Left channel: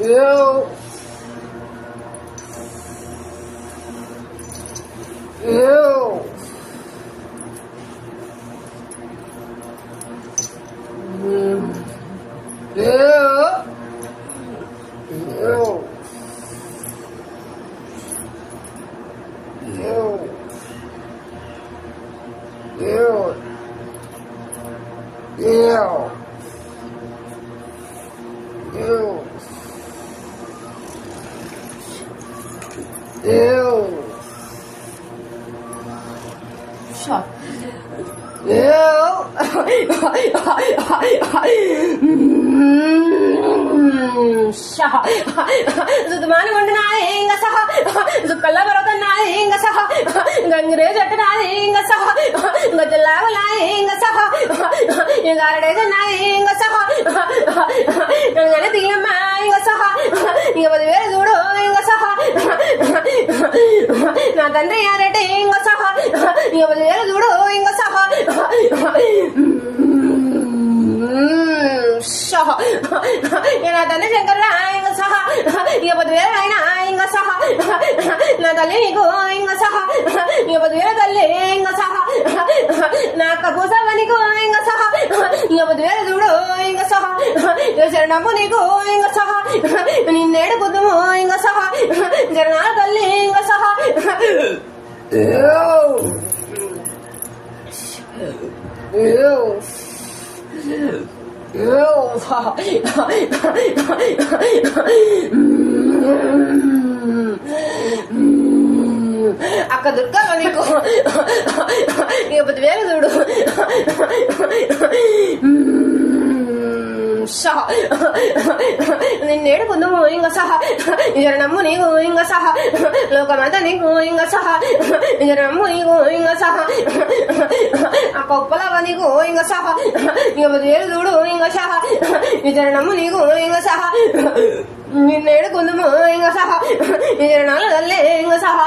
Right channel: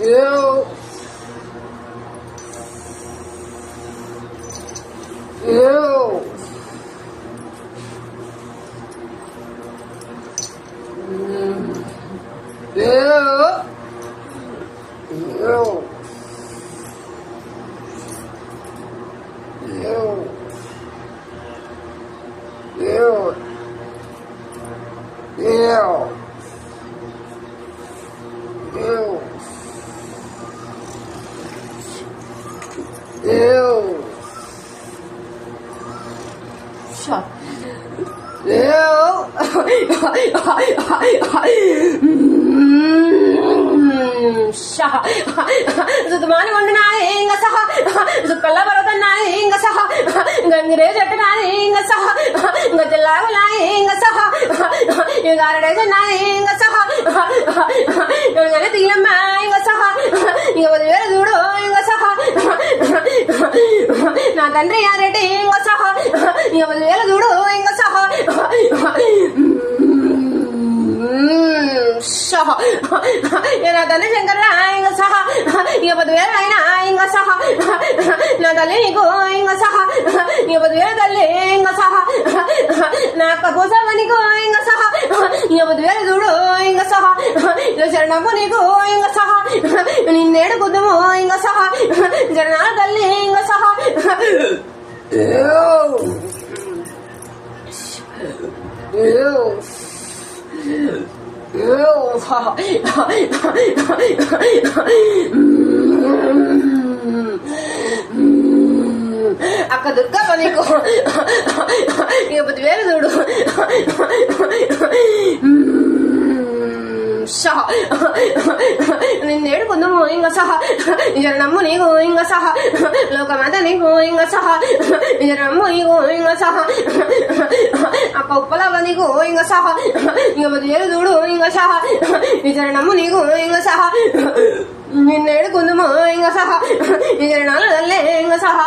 Ew. Ew. Ew. Ew. Ew. Ew. Ew. Ew. Ew. Shut. Zutumani Wandana, Ingasaha, Zukalabana, Ingasaha, Gangreza, Ingasaha, Gatalala, Ingasaha, Yagarada, Ingasaha, Yangatilama, Ingasaha, Yavadu, Ingasaha, Natandria, Ingasaha, Yavadu, Ingasaha. Yana tanda Shankara inga saha Yabadwera inga saha Nadale go inga saha Yabadwera dalle inga saha Nakaposa vani go inga saha Yabadwera duro inga saha Yasharnamuni go inga saha Nindedu kudumu inga saha Jarna dalle inga saha Akka Durga Paniko Yabadwera Dudu Saha Nindedu kudumu inga saha Jarnamuni go inga saha Lokamatani go inga saha Jarnamuni go inga saha Akka Uppalavani go inga saha Yabadwera Dudu inga saha Jarnamuni go inga saha Nindedu kudumu inga saha Jarnala dalle inga saha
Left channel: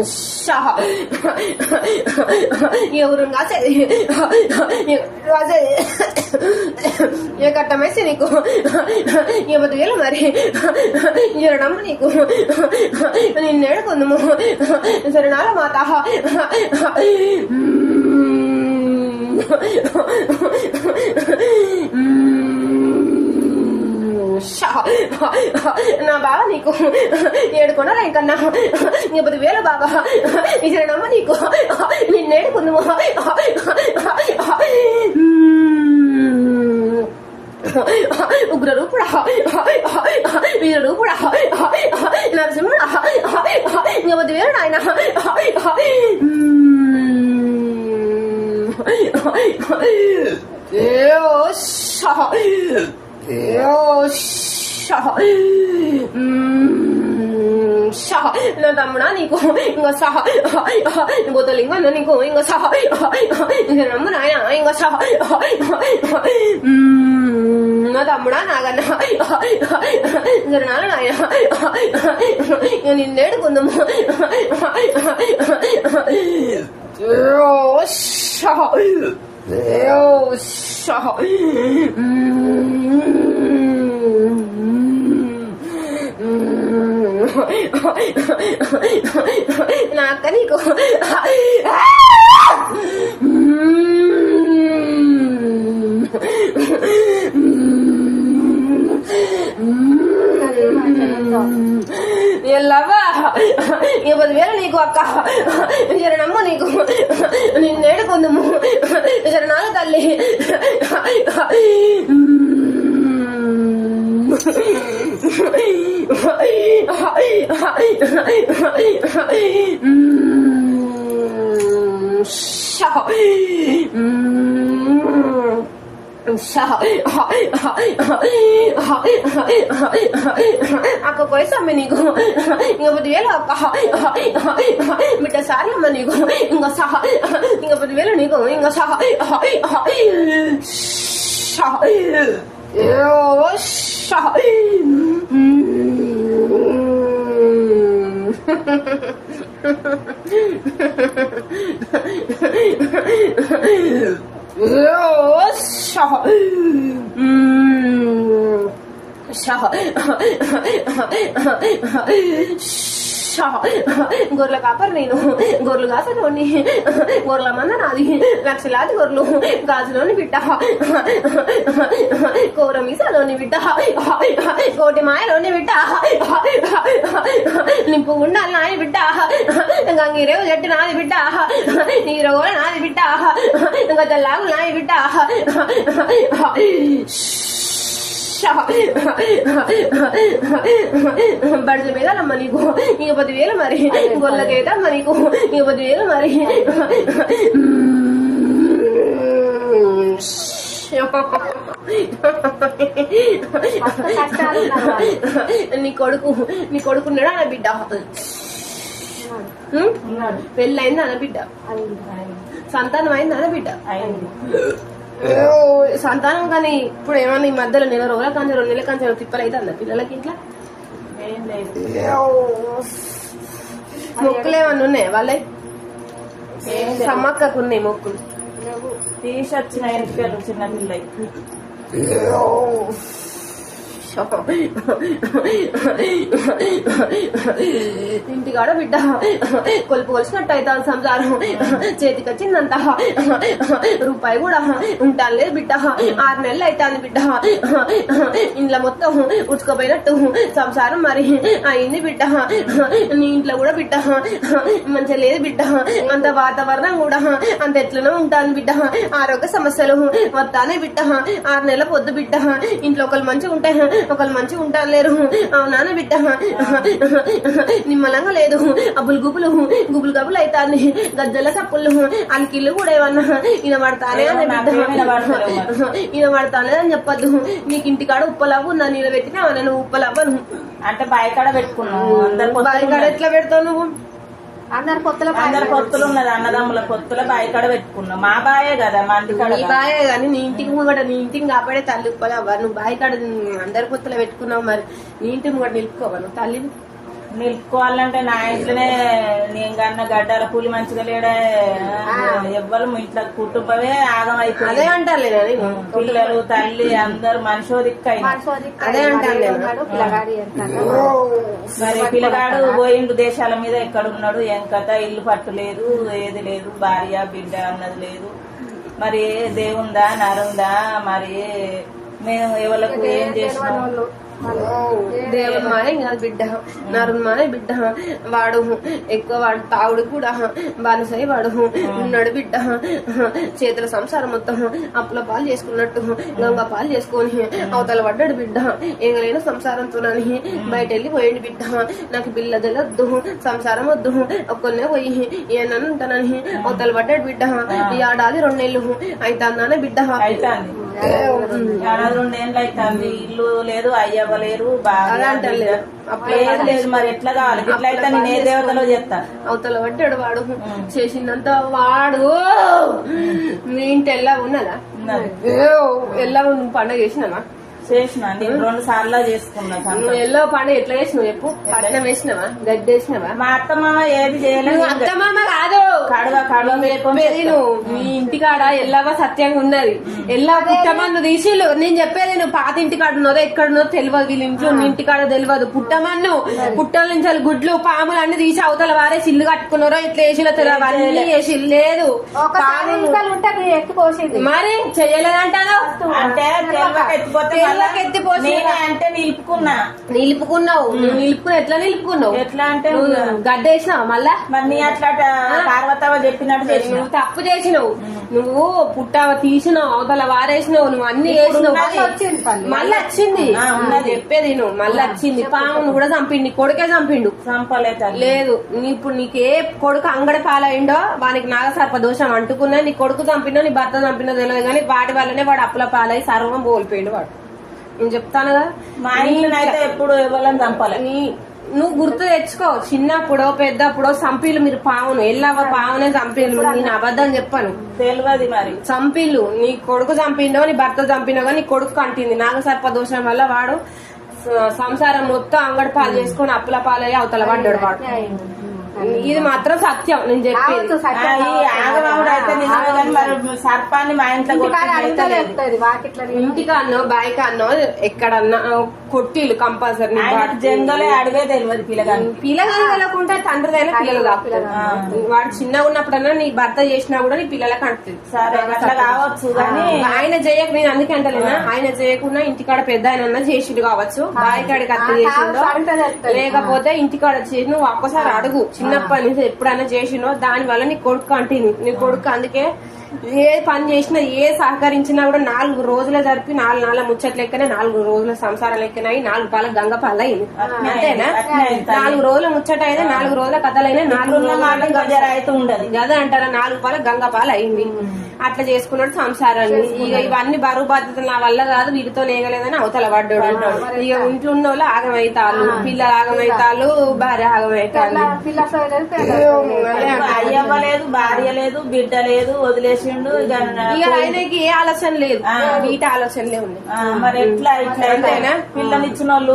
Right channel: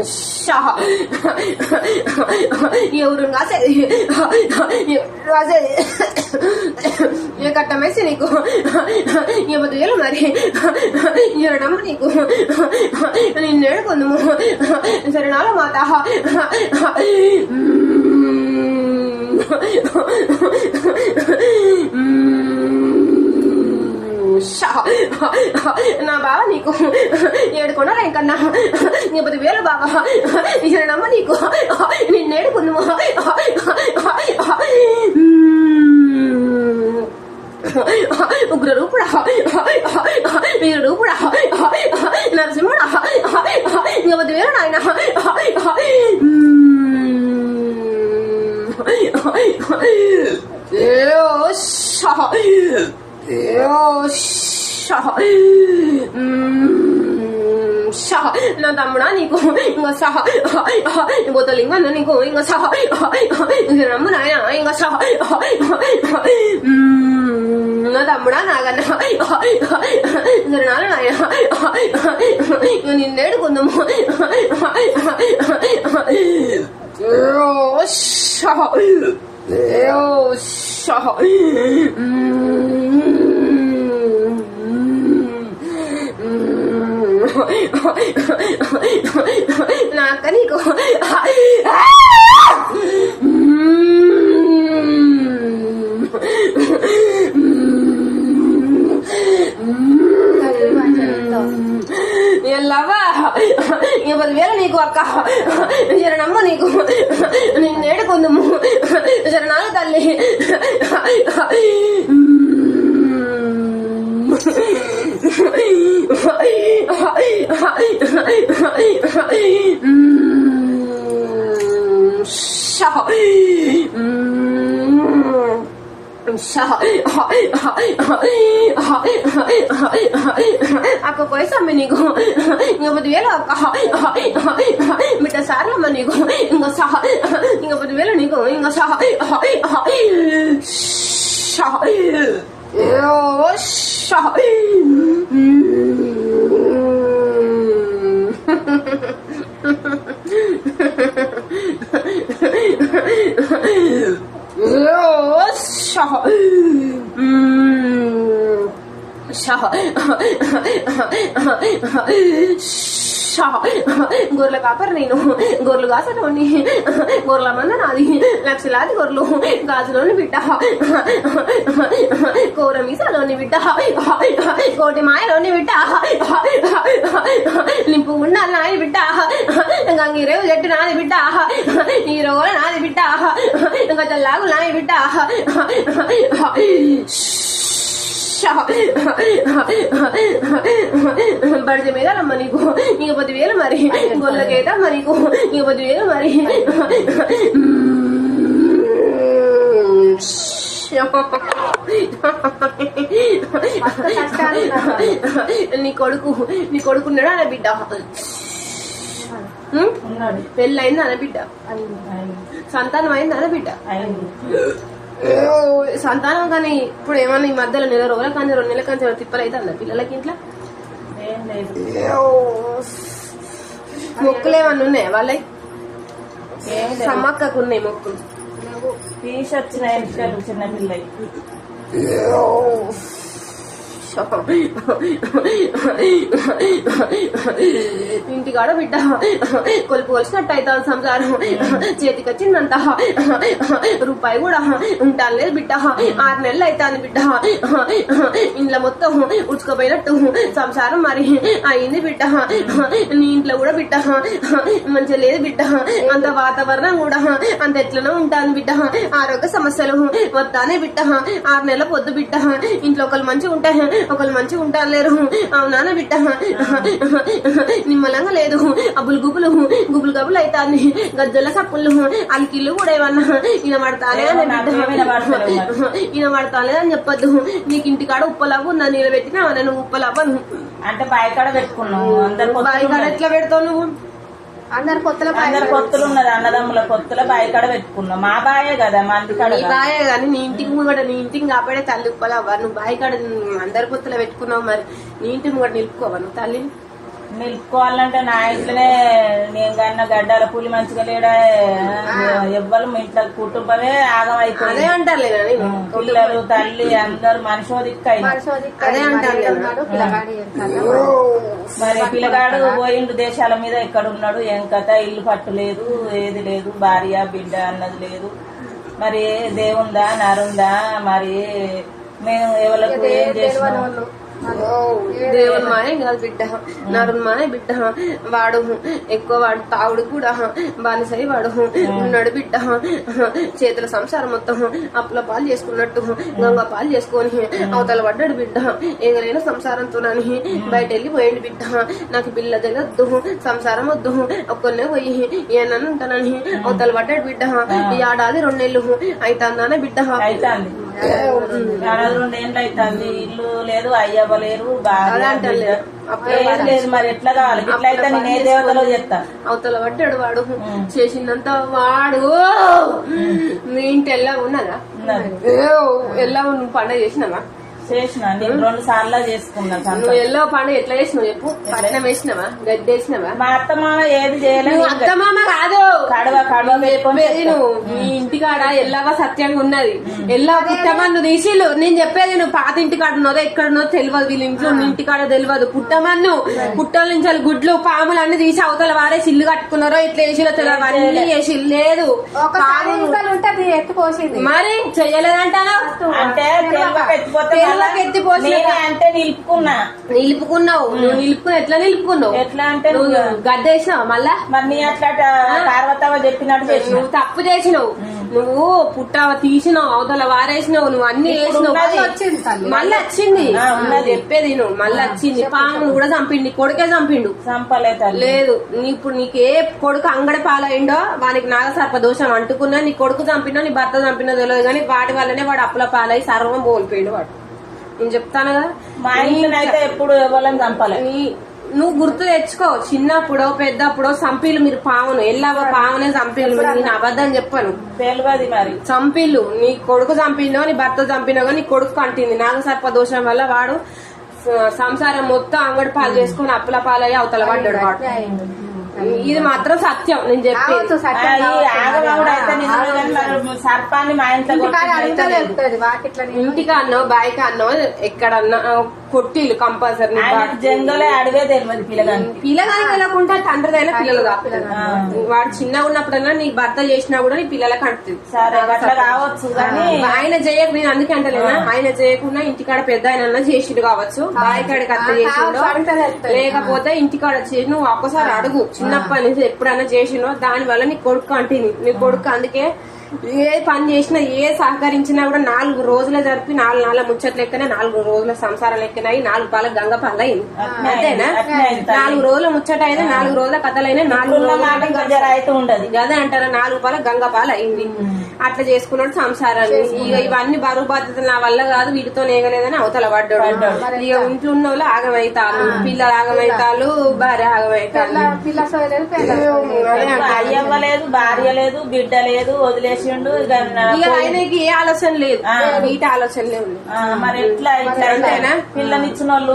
Shah. You don't got it. You got a message. You have a real marry. You're a number. And in there on the moon. Is there another mata? Shah. Na Baba Nico. You're going to rank and now. You put the Villa Baba. You're a number. Nico. In there on the moon. Ugrupra. Urupra. Nazimura. You put the Villa Nine. Shah. Shah, Nadamrani go in a saha, Botolingan go in a saha, Ramana in a saha, Nadamrana, you need to go no more. Shah, Shah. Nakanico. You love you will really go up. You're a money go. And in there on the moon. Is another Ako ko isa manigo nga budwelo ka mita sari manigo nga sa nga budwelo nigo nga sa sha గొర్రెల copper నేను, గొర్రెలు కాసలోని, గొర్రెల మంద నాది, లక్షలాది గొర్రెలు గాజులోని బిడ్డ, కోర మీసాలోని బిడ్డ, కోటి మాయలోని బిడ్డ, నింపు ఉండాలి నాది బిడ్డ, గంగిరేవు చెట్టు నాది బిడ్డ, ఈ రోగల నాది బిడ్డ, ఇంకా తెల్లాగు నాది బిడ్డ, బడిజ మీద అమ్మ నీకు ఇక 10,000 మరి, గొల్లకేదమ్మ నీకు ఇక 10,000 మరి. నీ కొడుకున్నాడు అనే బిడ్డ, పెళ్ళయింది అనే బిడ్డ, సంతానం అయింది అనే బిడ్డ, సంతానం. కానీ ఇప్పుడు ఏమన్నా ఈ మధ్యలో నెల రోజుల కానీ 2 నెలల కానీ తిప్పలు అయితే అన్న పిల్లలకి ఇంట్లో మొక్కులు ఏమన్నా ఉన్నాయా వాళ్ళకి? సమ్మక్కకు ఉన్నాయి మొక్కులు, తీసొచ్చిన ఎంపికలు చిన్న పిల్లలకి. ఇంటికాడ బిడ్డ కొలుపు కొలిసినట్టు అవుతాను సంసారం, చేతికి వచ్చిందంట రూపాయి కూడా ఉంటాలేదు బిడ్డ. 6 నెలలు అవుతాను బిడ్డ, ఇంట్లో మొత్తం ఉచ్చుకోపోయినట్టు సంసారం మరి అయింది బిడ్డ. నీ ఇంట్లో కూడా బిడ్డ మంచిగా లేదు బిడ్డ, అంత వాతావరణం కూడా అంత ఎట్లనే ఉంటాను బిడ్డ. ఆరోగ్య సమస్యలు వస్తానే బిడ్డ. 6 నెలల పొద్దు బిడ్డ, ఇంట్లో ఒకళ్ళు మంచిగా ఉంటారు, ఒకళ్ళు మంచిగా ఉంటారు లేరు. అవునా బిడ్డ, నిమ్మలంగా లేదు, అబ్బులు గుబులు గుబులు గబులు అవుతాను, గజ్జల సప్పులు అలికిళ్ళు కూడా ఏమన్నా ఇనబడతానే ఇనబడతానే అని చెప్పద్దు. నీకు ఇంటికాడ ఉప్పలవ్వ ఉందా, నీళ్ళు పెట్టినా నువ్వు ఉప్పలవ్వను అంటే బాయికాడ పెట్టుకున్నావు. బాయికాడ ఎట్లా పెడతావు నువ్వు? అందరు పొత్తులు ఉన్నది, అన్నదమ్ముల పొత్తుల బాయికాడ పెట్టుకున్నాం. మా బాయే కదా, మా ఇంటికాడ బాయే కానీ నీ ఇంటికి కూడా, నీ ఇంటికి కాపాడే తల్లి ఉప్పలవ్వ. నువ్వు బాయికాడ అందరి పొత్తుల పెట్టుకున్నావు, మరి నీ ఇంటిని కూడా నిలుపుకోవా నువ్వు తల్లిని? నిలుపుకోవాలంటే నా ఇంట్లోనే నేను కన్నా గడ్డాల పూలి మంచిగా లేడా, ఎవ్వరు ఇంట్లో కుటుంబమే ఆగం అయిపోయింది. అదే అంటారు, పిల్లలు తల్లి అందరు మనిషోదిక్క అదే అంటారు. మరి పిల్లగాడు పోయిండు దేశాల మీద, ఎక్కడ ఉన్నాడు ఏం కథ, ఇల్లు పట్టు లేదు, ఏది లేదు, భార్య బిడ్డ అన్నది లేదు. మరి దేవుందా నరుందా, మరి మేము ఎవరికి ఏం చేసినాం? దేవుని మానే కాదు బిడ్డ, నరుని మానే బిడ్డ. వాడు ఎక్కువ వాడు తావుడు కూడా బాలసై వాడు ఉన్నాడు బిడ్డ. చేతుల సంసారం మొత్తం అప్పుల పాలు చేసుకున్నట్టు లొంగ పాలు చేసుకొని అవతల పడ్డాడు బిడ్డ. ఎగరైన సంసారంతోనని బయట వెళ్ళిపోయాడు బిడ్డ. నాకు పిల్ల జగద్దు, సంసారం వద్దు, ఒక్కనే పోయి ఏమన్నా ఉంటానని అవతల పడ్డాడు బిడ్డ. ఈ ఏడాది 2 నెలలు అవుతాందానే బిడ్డ. అవుతాంది 2 ఏళ్ళు అవుతుంది, ఇల్లు లేదు, అయ్యవ్వలేరు, భార్య ఏది లేదు. మరి ఎట్లా కావాలి? ఇట్లా అయితే నేను ఏ దేవతలో చేస్తా? అవతల పడ్డాడు వాడు. చేసిందంత వాడు. మీ ఇంటి ఎలా ఉన్నదా? ఎలా నువ్వు పండుగ చేసినావా? చేసిన, నేను 2 సార్లు చేసుకున్నా. ఎల్లో పండుగ ఎట్లా చేసినావు చెప్పు? పడన వేసినావా? గడ్డి వేసినావా? మా అత్తమామ ఏది చేయలేదు. అత్తమామ కాదు, కడవ మీ ఇంటికాడ ఎల్లవా సత్యంగా ఉన్నది. ఎల్లా పుట్టమన్ను తీసిళ్ళు. నేను చెప్పేది నువ్వు పాత ఇంటికాడ ఉన్నదో ఎక్కడున్నదో తెలియదు, వీళ్ళ ఇంట్లో ఇంటికాడ తెలియదు. పుట్టమన్ను పుట్టల నుంచి గుడ్లు పాములు అన్ని తీసి అవతల వారే సిల్లు కట్టుకున్నారో ఇట్లా వేసిలో తెలియదు, అన్ని వేసి లేదు. ఎత్తుకోసింది మరి చెయ్యలేదంటాను అంటే అంటే నిలుపుకున్నావు. నువ్వు నిలుపుకుని ఎట్లా నిలుపుకున్నావు? ఎట్లా అంటే గడ్డ వేసినావు మళ్ళా. మరి నీ అట్లా పార్వతమ్మ చెప్పినట్టు చేసినావు. తప్పు చేసినావు నువ్వు. పుట్ట తీసినావు, అవతల వారేసినావు, నువ్వు అన్ని వేసినావు. మళ్ళీ వచ్చింది చెప్పేది నువ్వు. మళ్ళీ వచ్చింది. పామును కూడా చంపిండి, కొడుకే చంపిండు. చంపలేదు లేదు. ఇప్పుడు నీకే కొడుకు అంగడి పాలైండో వానికి నాగసర్ప దోషం అంటుకున్నా, నీ కొడుకు చంపినా నీ భర్త చంపినా తెలియదు కానీ వాడి వల్లనే వాడు అప్పుల పాలై సర్వం కోల్పోయిండు వాడు. నేను చెప్తాను కదా, మా ఇంట్లో అయితే ఎప్పుడు ఎవరిని చంపాలి. నువ్వు గుర్తు తెచ్చుకో, చిన్నప్పుడో పెద్దప్పుడో చంపిలు మీరు పావును. ఎల్లవ పావునే చంపిలు. నేను అబద్ధం చెప్పాను, తెలియదు. మరి చంపిలు. నీ కొడుకు చంపిండో నీ భర్త చంపినో కానీ నీ కొడుకు కంటింది. నాగసర్ప దోషం వల్ల వాడు సంసారం మొత్తం అంగడి పాలు చేసుకుని అప్పుల పాలయ్యి అవతల పడ్డాడు వాడు. ఇది మాత్రం సత్యం నేను చెప్పేది. ఈ ఆగమవుడు అయితే నిజమే కానీ మరి సర్పాన్ని మా ఇంట్లో ఇంటికి అన్నో బాయికి అన్నో ఎక్కడన్నా కొట్టిలు కంపల్సరీ. జంగలే అడిగే తెలియదు పిల్లగాని వెళ్ళకుండా తండ్రిదైనా పిల్లలు వాడు చిన్నగా ఉన్నప్పుడన్నా నీకు భర్త చేసినా కూడా నీ పిల్లలకు అంటుంది. సరే అట్లా కావచ్చు కానీ ఆయన చేయక నేను అందుకే అంటలేనా, ఆయన చేయకుండా ఇంటికాడ పెద్ద ఆయన చేసిండు కావచ్చు, బాయికాడికి అత్త చేసిండో లేకపోతే ఇంటికాడ చేసి నువ్వు ఒక్కసారి అడుగు చిన్నప్పటి నుంచి ఎప్పుడైనా చేసిండో దాని వల్ల నీ కొడుకు అంటుంది. నీ కొడుకు అందుకే ఏ పని చేసినా ఏ సహకరించినా కూడా 4 రోజులు జరిపి 4 నాళ్ళ ముచ్చట లెక్కనే 4 రోజుల సంసారం లెక్కనై 4 పాల గంగ పాల అయింది అంతేనా. 4 రోజుల ముచ్చట అయితే 4 రోజుల కథలైనా 4 రోజుల మాట అయితే ఉండదు అదే అంటారా 4 పాల గంగ పాల అయింది. అట్లా చేసుకున్నాడు సంసారాన్ని. ఇక ఇవన్నీ బరువు బాధ్యతలు నా వల్ల కాదు వీటితో లేగలేదని అవతల పడ్డాడు. ఇక ఇంట్లో ఉన్న వాళ్ళు ఆగమైతాలు, పిల్లలు ఆగమైతాలు, భార్య ఆగమైతాలు. అయ్యవ్వలేదు, భార్య లేదు, బిడ్డ లేదు, వదిలేసిండు. ఇక ఆయనకి ఏ ఆలోచన లేదు, వీటి ఆలోచనలే ఉంది. మరి ఎట్లా ఇట్లా అయితేనా పిల్లనిచ్చిన వాళ్ళు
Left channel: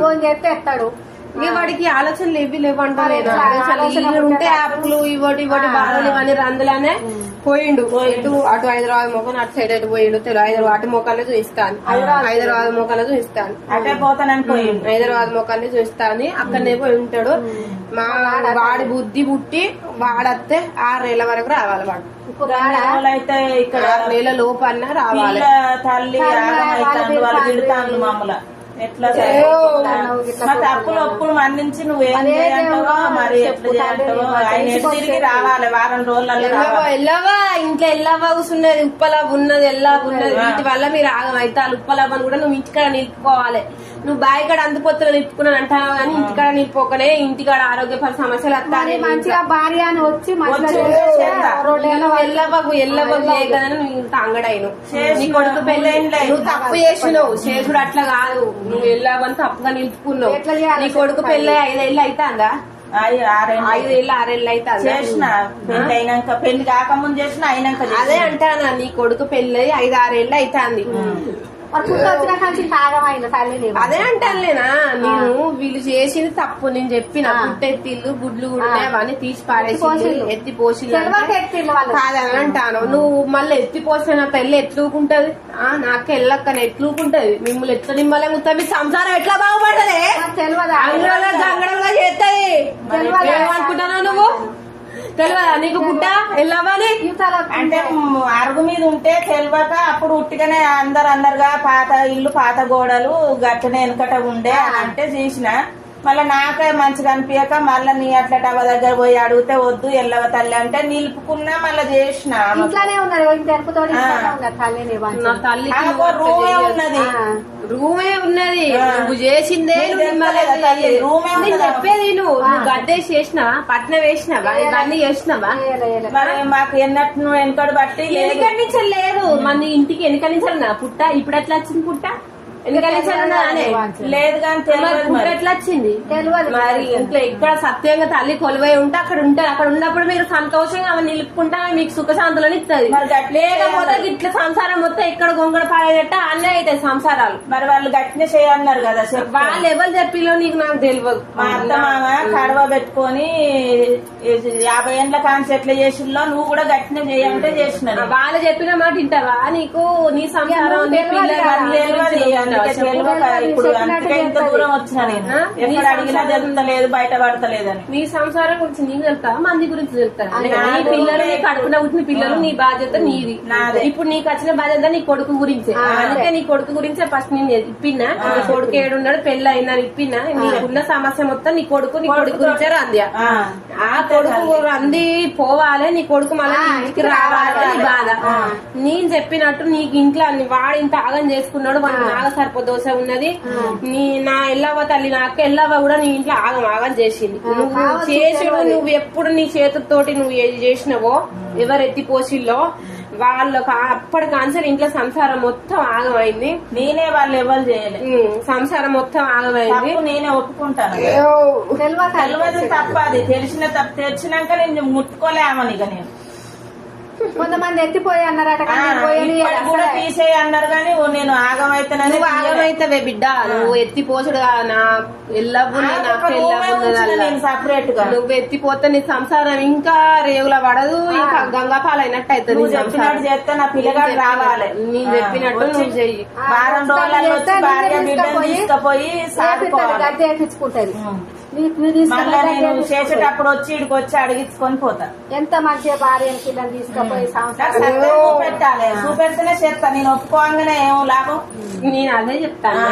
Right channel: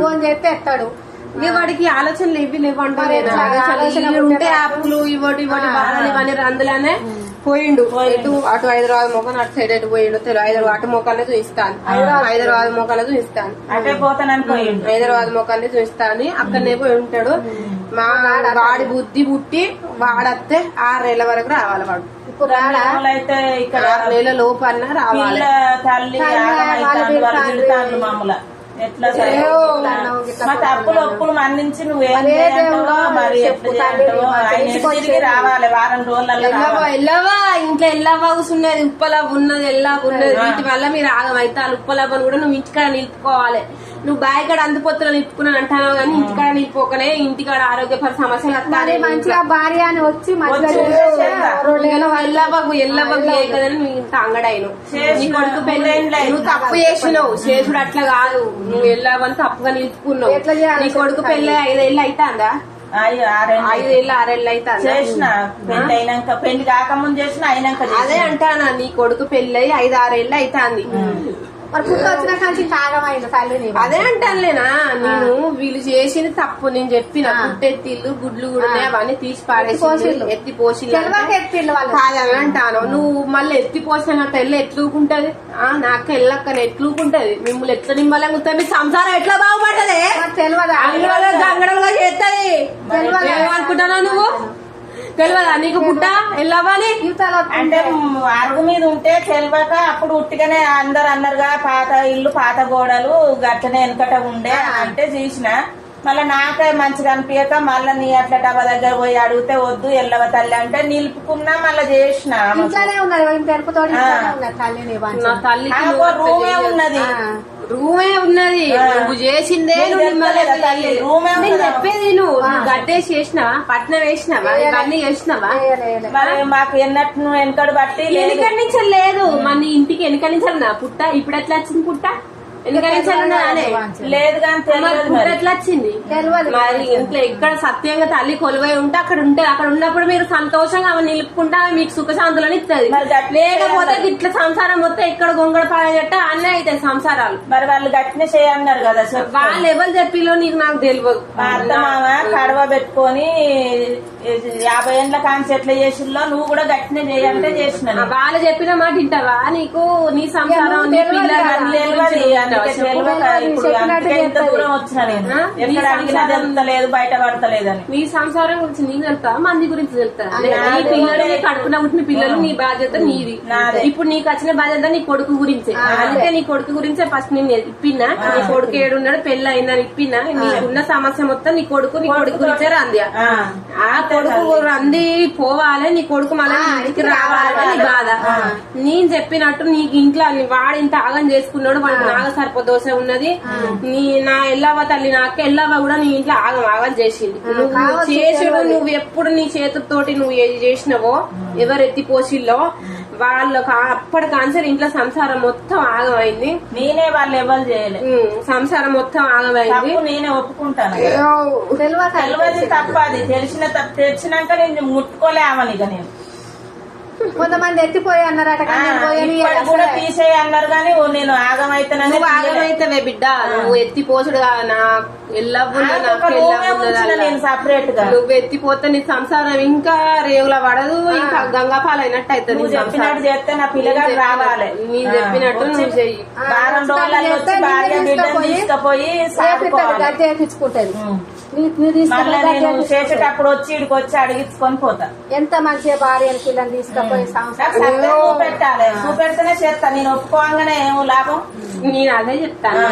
ఫోన్ చేస్తే ఎత్తాడు. వాడికి ఆలోచనలు ఏవి లేవంటే ఉంటే యాప్లు ఇవ్వటి బాగా అందులోనే పోయిండు. అటు హైదరాబాద్ మొక్కను అటు సైడ్ ఎటు పోయిండు. హైదరాబాద్ అటు మొక్కనే చూపిస్తాను, హైదరాబాద్ మొక్కనే చూపిస్తాను, అటే పోతానని పోయిండు. హైదరాబాద్ మొక్కనే చూపిస్తాను అక్కడనే పోయి ఉంటాడు. మా వాడి బుద్ధి పుట్టి వాడత్తే 6 నెలల వరకు రావాలి. వాడు అయితే ఇక్కడ 6 నెలల లోపు అన్నా రావాలి. తల్లి వాళ్ళు తిడతాను మామూలు ఎట్లా మా తప్పులు ఒప్పులు మన్నించి నువ్వేం చేయంటావో మరి ఎట్లా చేయంటావో ఆయన తిరిగి రావాలి. వారం రోజులలో ఎల్లవా ఇంట్లో ఎల్లవా కూర్చున్నది, ఉప్పలవ్వ ఉన్నది, ఎల్లవ ఉన్నది. వీటి వల్ల మీరు ఆగమైతే ఉప్పలవ్వను కూడా నువ్వు ఇంటికాడ నిలుపుకోవాలి. నువ్వు బాయికాడ అందుపోతులు నిలుపుకున్నాను అంటావు కానీ ఇంటికాడ నిలుపుకోకనే ఇంటికాడ ఆరోగ్యపర సమస్యలు వస్తాయి. మంచిగా భార్య అని వచ్చి ఎల్లవ్వకు కదని అంగడైను నీ కొడుకు పెళ్ళి నువ్వు తప్పు చేసినావు. చేసుడు అట్లా కాదు, నువ్వు ఎల్లవని తప్పుగా నిలుపుకున్నావు. నీ కొడుకు పెళ్ళి 5 ఏళ్ళు అవుతాందా? 5 ఏళ్ళు 6 ఏళ్ళు అవుతా చేసిన పెళ్లి అయినాక, పెళ్లి కాకముందు చేసిన అయినాక. అదే అంటానా నీ కొడుకు పెళ్ళి 5-6 ఏళ్ళు అవుతాంది. వచ్చిన కానీ తాగమైంది తల్లి. అదే అంటానులేనా నేను వీళ్ళు చేసింది తప్పు. నేను చెప్పిన పుట్టెత్తిళ్ళు గుడ్లు కూడా అవన్నీ తీసి పారేసి ఎత్తి పోసి కాదని అంటాను. నువ్వు మళ్ళీ ఎత్తి పోసిన పెళ్ళి ఎట్లూకుంటది? నాకు ఎల్లక్కని ఎట్లూకుంటది? మిమ్మల్ని ఎట్లా నిమ్మలంగా మీ సంసారం ఎట్లా బాగుపడ్డది? జంగడంగా చేస్తుంది ఏమనుకుంటానా నువ్వు? తెలియదా నీకు పుట్ట ఎల్లవ్వాలి అంటే అరుగు మీద ఉంటే తెలియక అప్పుడు ఉట్టిగానే అందరు అన్నారుగా పాత ఇల్లు పాత గోడలు గట్టనే వెనకట ఉండే అంటే చూసిన. మళ్ళీ నాకే మంచిగా అనిపించక మళ్ళీ నీ అట్లా డబ్బా దగ్గర పోయి అడిగితే వద్దు ఎల్లవ తల్లి అంటే నిలుపుకున్నా మళ్ళీ చేసిన. రూమే ఉన్నది, రూమే ఉన్నది, నువ్వు చేసిందే రూమే చెప్పేది. నువ్వు గడ్డేసి చేసినావా, పట్నం వేసినావా, ఇవన్నీ చేసినావా? మరి మాకు ఎన్నట్టు నువ్వు వెనకడు బట్టి ఎన్నికడి నుంచి లేదు మన ఇంటికి ఎన్నికడి నుంచి నా పుట్ట ఇప్పుడు ఎట్లా వచ్చింది? పుట్ట లేదు కానీ తెలియదు ఎట్లా వచ్చింది మరి. ఇంట్లో ఎక్కడ సత్యంగా తల్లి కొలువై ఉంటే అక్కడ ఉంటది. అక్కడ ఉన్నప్పుడు మీరు సంతోషంగా ఆమె నిలుపుకుంటా మీకు సుఖశాంతులను ఇస్తుంది. లేకపోతే ఇట్లా సంసారం మొత్తం ఎక్కడ గొంగడ పాడగట్ట అన్నీ అవుతాయి సంసారాలు. మరి వాళ్ళు గట్టిన చేయన్నారు కదా, వాళ్ళు ఎవరు చెప్పిలో నీకు నాకు తెలియదు. మా అత్త మామ కడవ పెట్టుకొని 50 ఏళ్ల కాంచి ఎట్లా చేసిల్లో నువ్వు కూడా గట్టిన చేయాలంటే చేసిన. వాళ్ళు చెప్పిన మాట వింటావా? నీకు నీ సంసారం ఇప్పుడు ఇంత దూరం వచ్చిన నేను ఎక్కడ అడిగినా తెలుస్తలేదు, బయట పడతలేదని. నీ సంసారం గురించి నీకు తెలుస్తా, మంది గురించి తెలుస్తా. పిల్లలు కడుపున పుట్టిన పిల్లలు నీ బాధ్యత నీది. ఇప్పుడు నీకు వచ్చిన బాధ్యత నీ కొడుకు గురించే. అందుకే నీ కొడుకు గురించే ఫస్ట్ నేను ఇప్పినా. నీ కొడుకు ఏడున్నాడు పెళ్లి అయినా ఇప్పినా. నీకున్న సమస్య మొత్తం నీ కొడుకు గురించే రంది. ఆ కొడుకు రంది పోవాలి, నీ కొడుకు మళ్ళీ ఇంటికి రావాలంటే నీ బాధ. నేను చెప్పినట్టు నీకు ఇంట్లో వాడు ఇంత ఆగం చేసుకున్నాడు, వాడికి నాగ సర్ప దోశ ఉన్నది. నా ఎల్లవ్వ తల్లి నాకు ఎల్లవ్వ కూడా నీ ఇంట్లో ఆగం ఆగం చేసింది. నువ్వు చేసుడు నువ్వు ఎప్పుడు నీ చేతులతోటి నువ్వు ఏది చేసినావో ఎవరు ఎత్తిపోసిల్లో వాళ్ళకు అప్పటి కాన్సర్ ఇంట్లో సంసారం మొత్తం ఆగమైంది. నేనే వాళ్ళు ఎవరు చేయలేదు, సంసారం మొత్తం ఆగమైంది. నేనే ఒప్పుకుంటాను. తెలియదు తప్ప, అది తెలిసిన తప్పు తెచ్చినాక నేను ముట్టుకోలే ఆమెను. ఇక నేను కొంతమంది ఎత్తిపోయి అన్నారట కానీ నేను పోయని ఇప్పటికి కూడా తీసేయి అన్నారు కానీ నేను ఆగమైతేనని నువ్వు ఆగమైతేనే బిడ్డ నువ్వు ఎత్తి పోసుడుగా నా నేను సపరేట్ గా నువ్వు ఎత్తిపోతే నీ సంసారం ఇంకా రేవుల పడదు ఇంకా గంగాపాలు అయినట్టు అవుతుంది. నువ్వు చెప్పినట్టు చేస్తే నా పిల్లగాడు రావాలి. నేను చెప్పినట్టు నువ్వు చెయ్యి. వారం రోజులలో వచ్చి భార్య బిడ్డను తీసుకుపోయి సాదుకోవాలి. గడ్డి ఎక్కించుకుంటది. మళ్ళీ నేను చేసేటప్పుడు వచ్చి ఇడికి వచ్చి అడిగించుకొని పోతా. ఎంత మంచిగా భార్య పిల్లని తీసుకుపోయి సంసారం చూపెట్టాలి. చూపెడితేనే చేస్తా. నేను ఒప్పుకోగానే ఏం లాభం. నేను అదే చెప్తాను.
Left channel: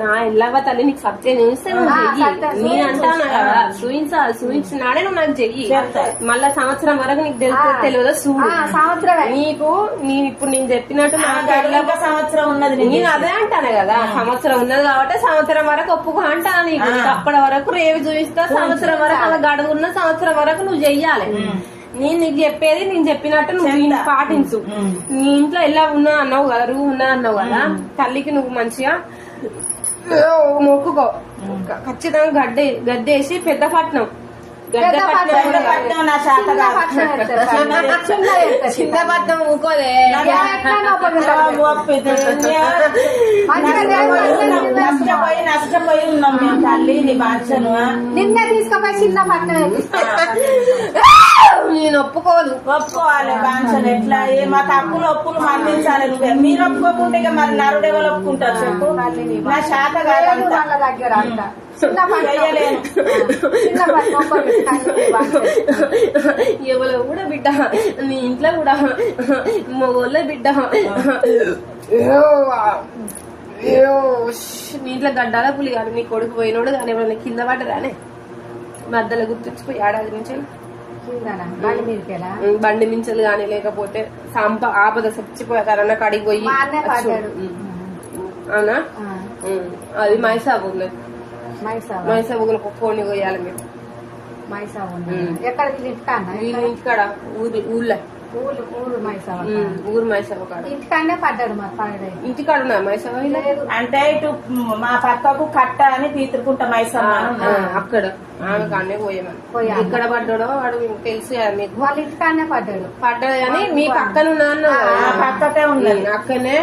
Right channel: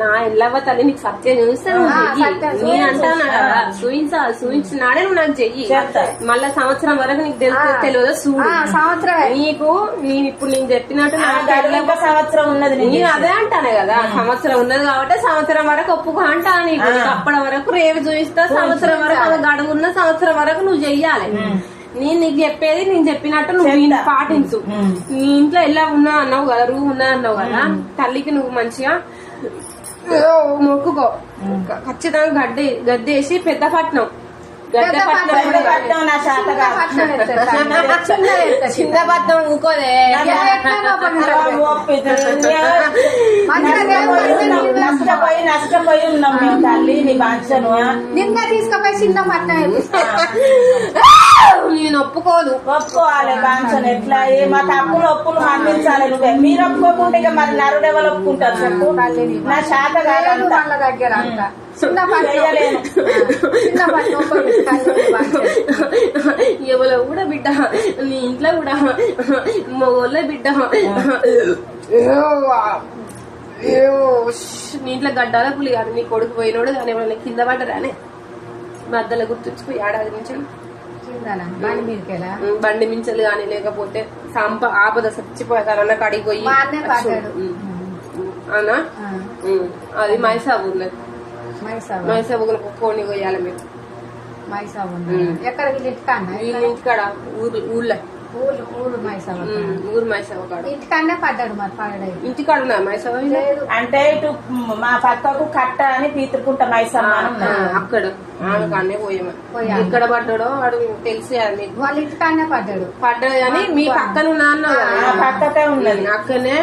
నా ఎల్లవ తల్లి నీకు సత్యం చూస్తాను. నేను అంటాను కదా చూపించినాడే నువ్వు నాకు చెయ్యి. మళ్ళా సంవత్సరం వరకు నీకు తెలియదు చూడు. సంవత్సరం నీకు నేను ఇప్పుడు నేను చెప్పినట్టు ఇంకా సంవత్సరం ఉన్నది. నేను అదే అంటాను కదా, సంవత్సరం ఉన్నది కాబట్టి సంవత్సరం వరకు ఒప్పుకో అంటాను. నీకు అప్పటి వరకు రేపు చూపిస్తా. సంవత్సరం వరకు అలా గడువున్న సంవత్సరం వరకు నువ్వు చెయ్యాలి. నేను నీకు చెప్పేది నేను చెప్పినట్టు నువ్వు పాటించు. నీ ఇంట్లో ఎలా ఉన్నా అన్నావు కదా, రూమ్ ఉన్నా అన్నావు కదా, తల్లికి నువ్వు మంచిగా మొక్కుకో. ఖచ్చితంగా గడ్డేసి పెద్ద పట్నం నా శాత చిన్న పట్నం ఊకోదే. నష్టపోయి ఉన్నాం మేము తల్లి నీ బాధ్యను. నిన్న తీసుకుపోయి చిన్న పట్నం నేను ఒప్పుకోవాలి బాధ్యను. ఎట్లా మా తప్పులు ఒప్పులు మన్నించాలి. నువ్వే మీరు ఒప్పుకోకుంటే ఇక మరి నరుడెవరు ఒప్పుకుంటారు చెప్పు. నా శాత కాదంతా దగ్గర ఎవరో కూడా బిడ్డ, నీ ఇంట్లో కూడా మగోళ్ళ బిడ్డ. నీ ఇంట్లో గడ్డాల పులి కాదు, నీ కొడుకు పోయినోడు కానీ ఎవరైనా కింద పడ్డరానే మధ్యలో గుర్తుంచిపోయి ఏడాది నుంచి బండి మించలు గాని లేకపోతే ఆపద చచ్చిపోయారన్న కాడికి పోయి అన్నా. అది మైసాబుర్లో మైసాబుర్లో కోని పోయాలి మీరు. ఎక్కడ ఇంటికాడ ఊర్లో ఊరు మైసాబ ఊరు మైసాబ కాడ ఇంటికాడనే పడ్డాడు మరి పడ్డాడు. ఇంటికాడ మైసాబ లేదు అంటే ఇటు మా పక్కకు కట్ట అని పీతురుకుంటా మైసమ్మ అక్కడ ఆమె కానే పోయామని. ఎక్కడ పడ్డాడో అడుగు తెలుసు మీకు. వాళ్ళ ఇంటికాడనే పడ్డాడు కానీ మీ పక్కన నాన్న పక్కకే ఉన్నది. అక్కడనే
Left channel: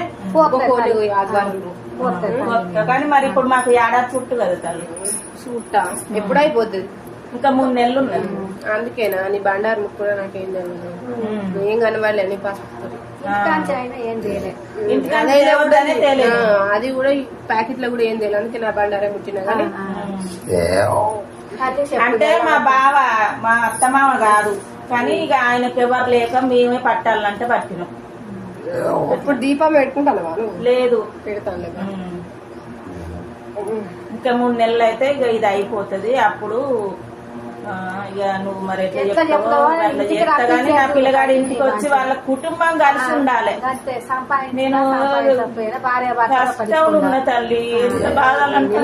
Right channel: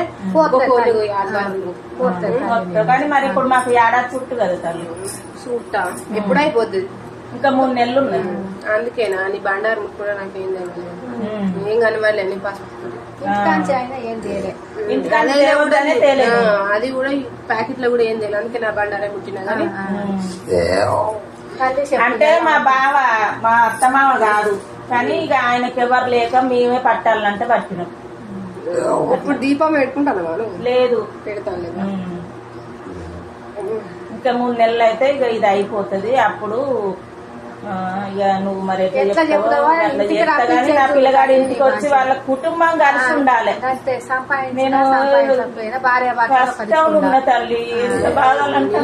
కానీ మరి ఇప్పుడు మాకు ఏడాది చుట్టూ కదా తల్లి. చూస్తా ఎప్పుడు అయిపోతుంది. ఇంకా 3 నెలలు ఉన్నాయి. అందుకేనా నీ బండారు ముక్కులో నాకేం తెలియదు. ఏం కనవాలి అని అది కూడా ప్యాకెట్ లో కూడా ఏం తెలియదు. అందుకే నా బండారే ముట్టినా కానీ. అంటే మా బావ మా అత్తమామ కాదు కానీ ఇక ఆయనకి ఎవరు లేక మేమే పట్టాలంటే పట్టినాం. ఇప్పుడు దీపం పెట్టుకుంటాను లేదు పెడతాను. ఇంకా 3 నెలలు అయితే ఇక ఇది అయిపోతుంది. అప్పుడు ఇక నువ్వు మరి ఎట్లా చెప్తావో అట్లా చేస్తా గానీ నా పిల్లగాడి ఇంటికి వచ్చి వాళ్ళ కుటుంబం కలిసి ఉండాలి. నేను కష్టం ఉన్న తల్లి ఎంత బాధలంటే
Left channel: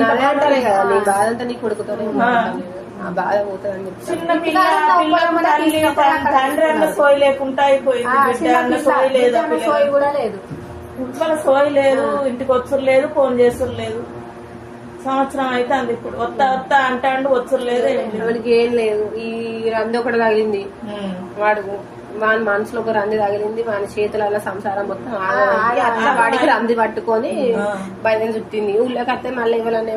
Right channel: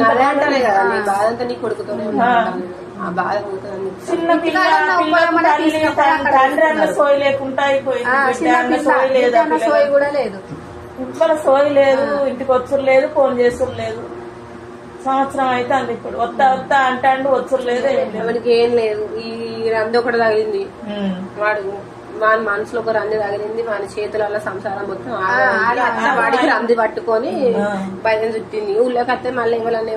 బాధంతా నీ కొడుకుతోనే బాధ పోతుంది. చిన్న పిల్ల తల్లి తండ్రి అన్న సోయి లేకుండా అయిపోయింది. బిడ్డ అన్న సోయి లేదు, ఇవాళ సోయి లేదు, ఇంటికి వచ్చురు లేదు, ఫోన్ చేసురు లేదు. సంవత్సరం అయితే అంది. ఇప్పుడు వస్తా అంటాడు, వచ్చురు లేదు, ఎవరికి ఏం లేదు. ఈ రంది ఒకటి తగిలింది వాడు, వాని మనసులో ఒక రంది తగిలింది, వాని చేతుల సంసారం మొత్తం వాడికి రంది పట్టుకొని బయట చుట్టింది. ఊళ్ళోకి వస్తే మళ్ళీ ఎవరన్నా